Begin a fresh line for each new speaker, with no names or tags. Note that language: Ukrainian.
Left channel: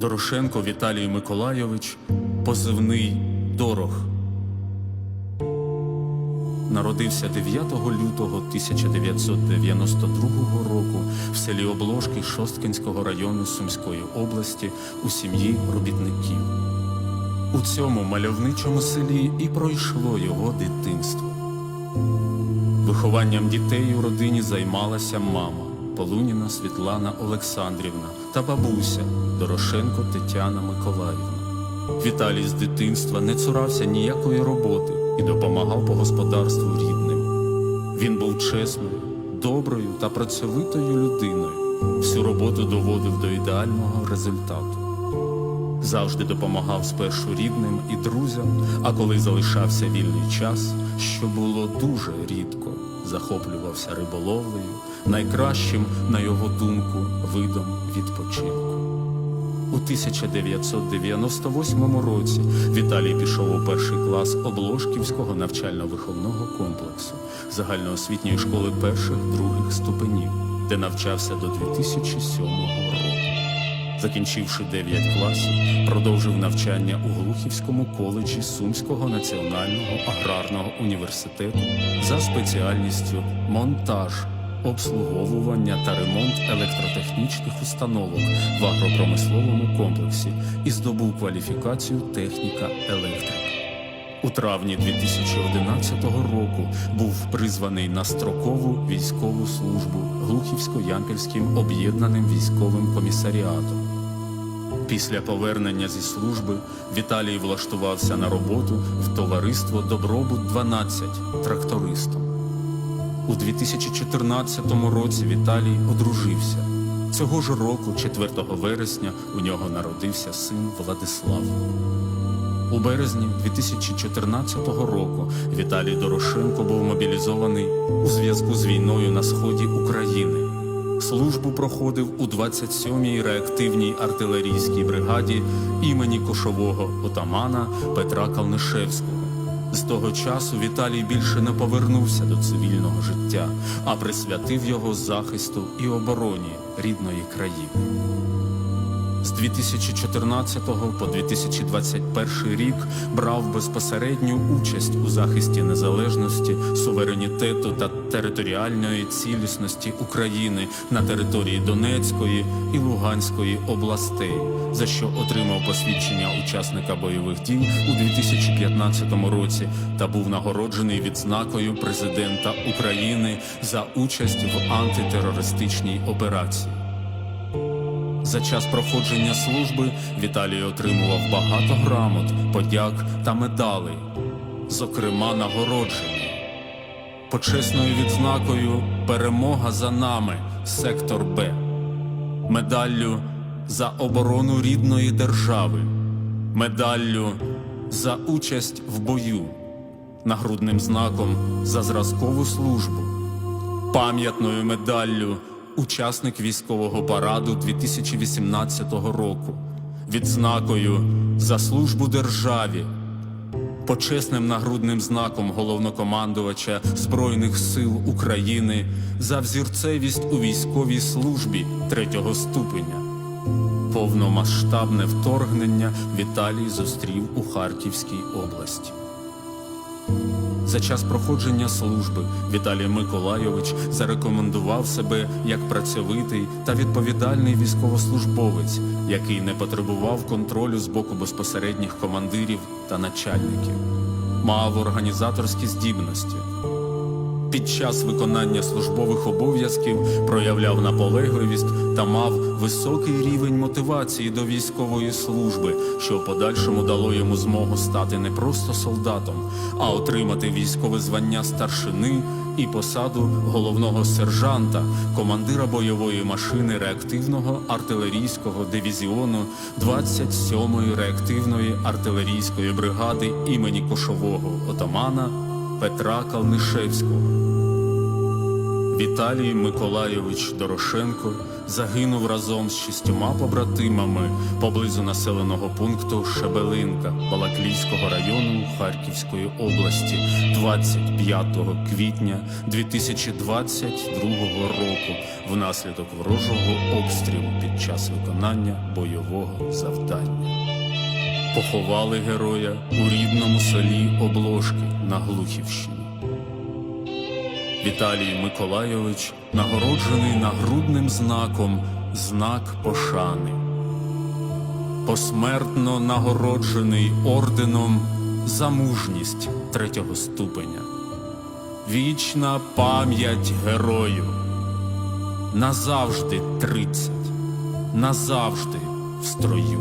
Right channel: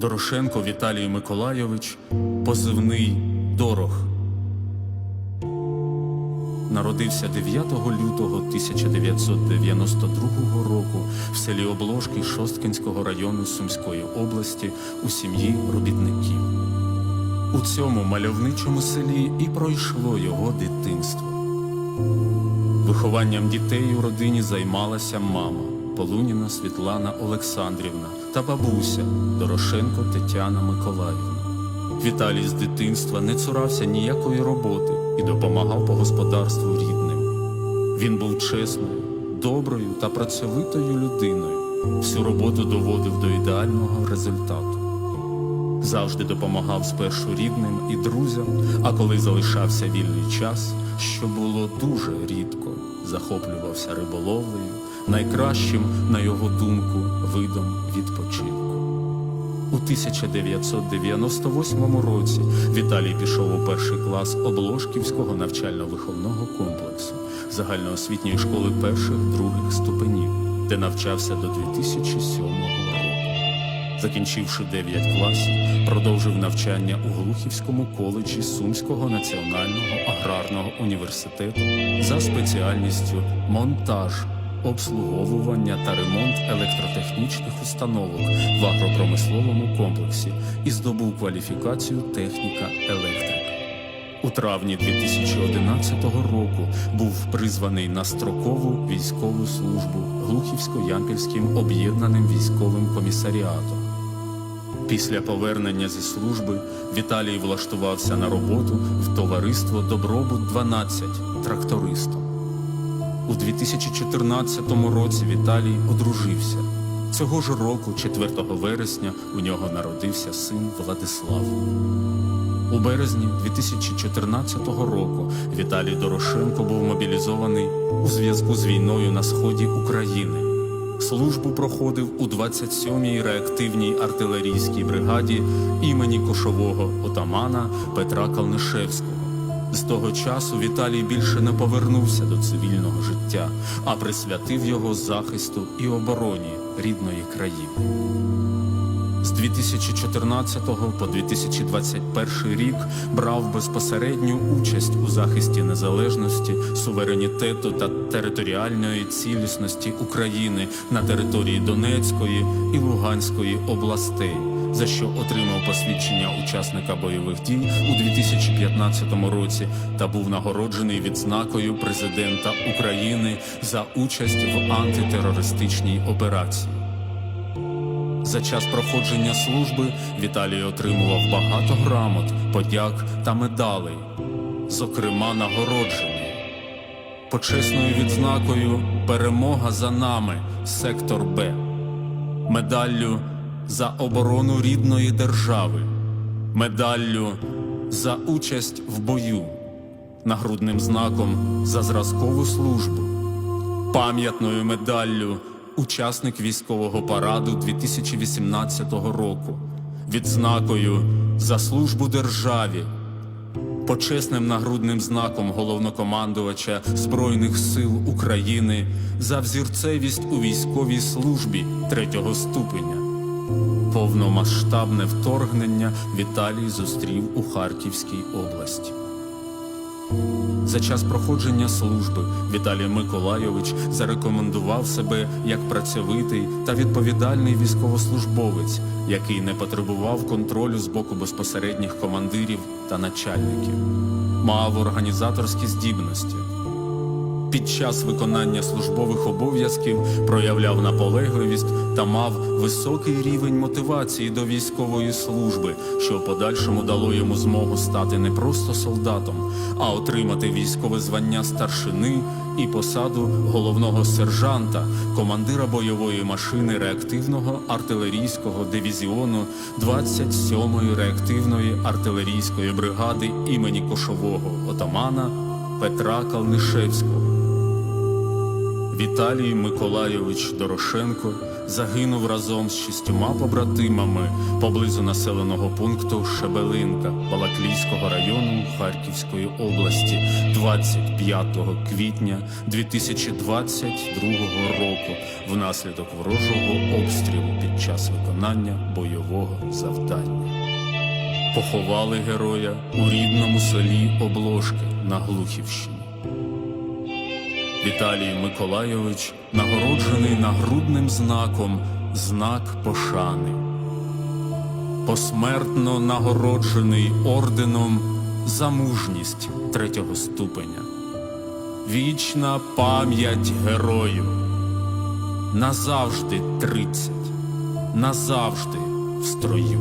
Дорошенко Віталій Миколайович, позивний Дорох. Народився 9 лютого 1992 року в селі Обложки Шосткинського району Сумської області у сім'ї робітників. У цьому мальовничому селі і пройшло його дитинство. Вихованням дітей у родині займалася мама Полуніна Світлана Олександрівна та бабуся Дорошенко Тетяна Миколаївна. Віталій з дитинства не цурався ніякої роботи і допомагав по господарству рідним. Він був чесною, доброю та працьовитою людиною. Всю роботу доводив до ідеального результату. Завжди допомагав спершу рідним і друзям, а коли залишався вільний час, що було дуже рідко, захоплювався риболовлею, найкращим, на його думку, видом відпочинку. У 1998 році Віталій пішов у перший клас Обложківського навчально-виховного комплексу загальноосвітньої школи перших других ступенів, де навчався до 2007 року. Закінчивши 9 класів, продовжив навчання у Глухівському коледжі Сумського національного аграрного університету за спеціальністю монтаж, обслуговування та ремонт електротехнічних установок в агропромисловому комплексі і здобув кваліфікацію техніка електрика. У травні 2011 року був призваний на строкову військову службу Глухівсько-Ямпільським об'єднаним військовим комісаріатом. Після повернення зі служби Віталій влаштувався на роботу в товариство Добробут 12 трактористом. У 2014 році Віталій одружився. Цього ж року, 4 вересня, у нього народився син Владислав. У березні 2014 року Віталій Дорошенко був мобілізований у зв'язку з війною на сході України. Службу проходив у 27-й реактивній артилерійській бригаді імені кошового отамана Петра Калнишевського. З того часу Віталій більше не повернувся до цивільного життя, а присвятив його захисту і обороні рідної країни. З 2014 по 2021 рік брав безпосередню участь у захисті незалежності, суверенітету та територіальної цілісності України на території Донецької і Луганської областей, за що отримав посвідчення учасника бойових дій у 2015 році та був нагороджений відзнакою президента України за участь в антитерористичній операції. За час проходження служби Віталій отримував багато грамот, подяк та медалей, зокрема нагороджені. Почесною відзнакою Перемога за нами, сектор Б, медаллю за оборону рідної держави, медаллю за участь в бою, нагрудним знаком за зразкову службу, пам'ятною медаллю учасник військового параду 2018 року, відзнакою за службу державі, почесним нагрудним знаком головнокомандувача Збройних сил України за взірцевість у військовій службі третього ступеня. Повномасштабне вторгнення Віталій зустрів у Харківській області. За час проходження служби Віталій Миколайович зарекомендував себе як працьовитий та відповідальний військовослужбовець, який не потребував контролю з боку безпосередніх командирів та начальників, мав організаторські здібності. Під час виконання службових обов'язків проявляв наполегливість та мав високий рівень мотивації до військової служби, що в подальшому дало йому змогу стати не просто солдатом, а отримати військове звання старшини і посаду головного сержанта, командира бойової машини реактивного артилерійського дивізіону 27-ї реактивної артилерійської бригади імені Кошового отамана Петра Калнишевського. Віталій Миколайович Дорошенко загинув разом з шістьома побратимами поблизу населеного пункту Шебелинка Балаклійського району Харківської області 25 квітня 2022 року внаслідок ворожого обстрілу під час виконання бойового завдання. Поховали героя у рідному селі Обложки на Глухівщині. Віталій Миколайович нагороджений нагрудним знаком Знак пошани. Посмертно нагороджений орденом за мужність третього ступеня. Вічна пам'ять герою. Назавжди тридцять, назавжди в строю.